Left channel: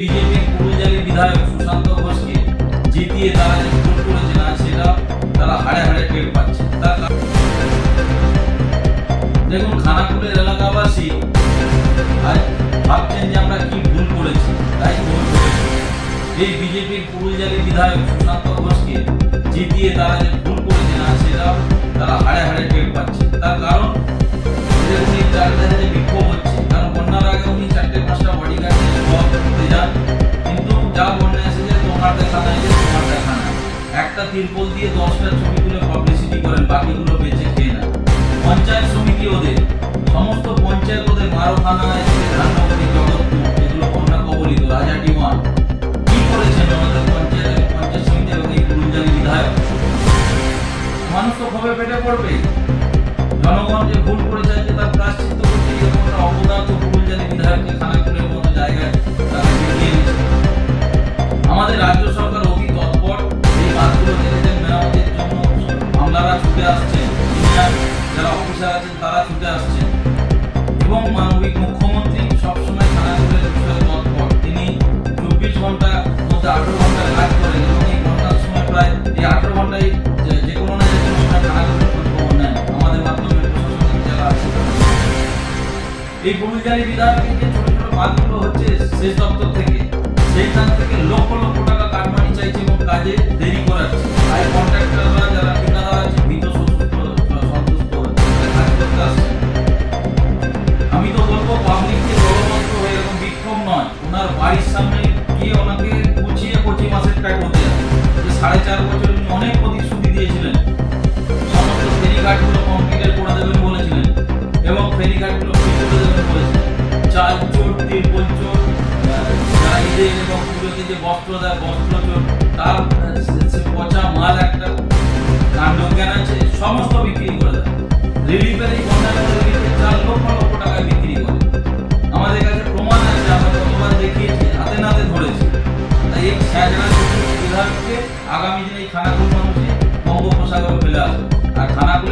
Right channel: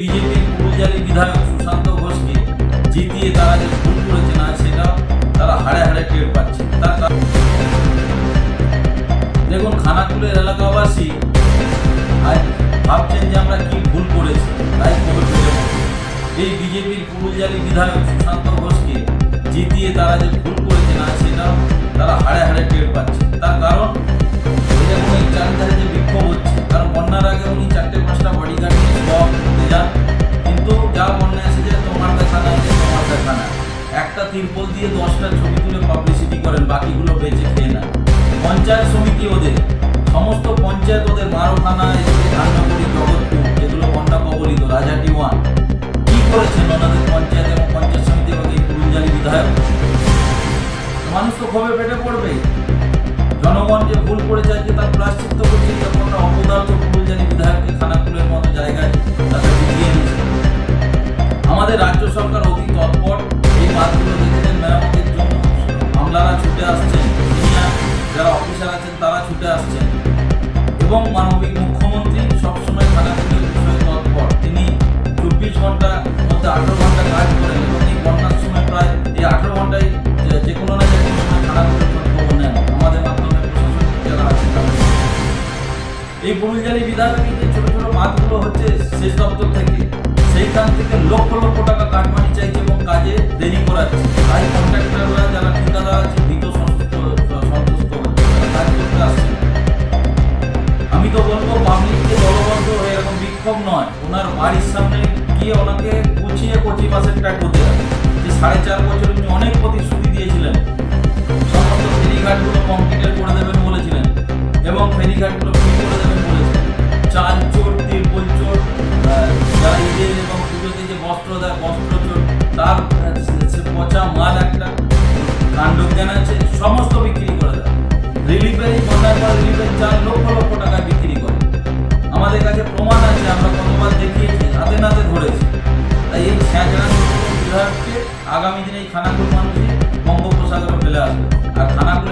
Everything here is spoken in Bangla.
বিজেপির পুরুলজালি বিধায়ক সুশান্ত ঘোষকে জিতিয়ে তারা যে ভুল করেছে না, সেটা তারা হাড়ে হাড়ে টের পাচ্ছে তার দেখুন, খানাকুলের এলাকাবাসী আজ ভাবছেন যে আমরা কি ভুল করেছি, তাই পেতে বসেছি। এই বিজেপির পুরুলজালি বিধায়ক সুশান্ত ঘোষকে জিতিয়ে তারা যে ভুল একটা তিরপল দিয়ে দশটা ছবি তুলে পাবলিসিটি করেন, বাকিগুলো বেঁচে খেয়ে নেন। পঞ্চায়েত সমিতি ওদের, সমস্ত পঞ্চায়েত ওদের মারোখানা এদিকে ধাননগরী, জগৎপুর যেগুলো বন্যা কবলিত রাজাটি ওয়ান কি করেছেন ওনাদের পঞ্চায়েত এবং পঞ্চায়েত সমিতি এবং এই পুরুলজালি বিধায়ক? মানুষ তো ক্ষোভে পেটে পড়বে। জনগণ যে ভুল করেছে আজকে তার প্রাশ্চিত্য করছে, এরকম একটা অপদার্থ ফুলজানি বিধায়ককে খানাকুলের মতো জায়গায় তাকে জিতিয়ে নিচ্ছে আমাদের রাজ্য সরকার আমলারা ছুটে আসছেন, সিনিয়র যারা অফিসার আছেন তারা ছুটে আসছেন। এবং মানবিক মুখ্যমন্ত্রী সবসময় খানাকুলের বিষয়ে তৎপর। তিনি চব্বিশ ঘণ্টা, মধ্যে আঠেরো ঘণ্টা কাজ করেন এবং এই বন্যার সময় প্রায়, এই আঠেরো ঘন্টায় যে- কোনো না যে কোনো সময় খানাকুলের খোঁজ খবর নেন। আমাদের মাধ্যমে প্রশাসনিক যারা আছেন তাদের এই পুরুলজালি বিধায়ক এই যে ছোট ছোট মাছগুলো হচ্ছে শেষ দপ্তর থেকে, সেইখান থেকে লক্ষ লক্ষ টাকা কাটমানি চাইছে এবং কাজে দেরি করাচ্ছে। তাই কন্ট্রাক্টররা ওনার বাড়ির সামনে গিয়ে ওনাকে গুছিয়ে কচি মাসের টাকা হতে যাবে। যে সাড়ে চার বছর উনি অনেক প্রতিশ্রুতি দিয়েছিলেন। সমস্ত ফেরিঘাটগুলো কংক্রিটের করে দেবেন বলেছিলেন এবং ফেরিঘাটগুলো ফ্রি করে দেবেন বলেছিলেন। চাল চোর, তিরপল চোর যারা ঈদের এবং পুজোতে যে বস্ত্র দেয়, বস্ত্র চোর, তার পচা মাল একটা কাণ্ড জ্ঞান আছে। কাছে প্রমাণ আছে, আমরা কতবার দেখিয়েছি, হাতে নাতে ধরেছি। তাই এই ছ্যাঁচড়া বিধায়ককে আগামী দিনে এই খানাকুল মানুষই বঙ্গোপসাগরে ফেলে আসবে। আর খানাকুল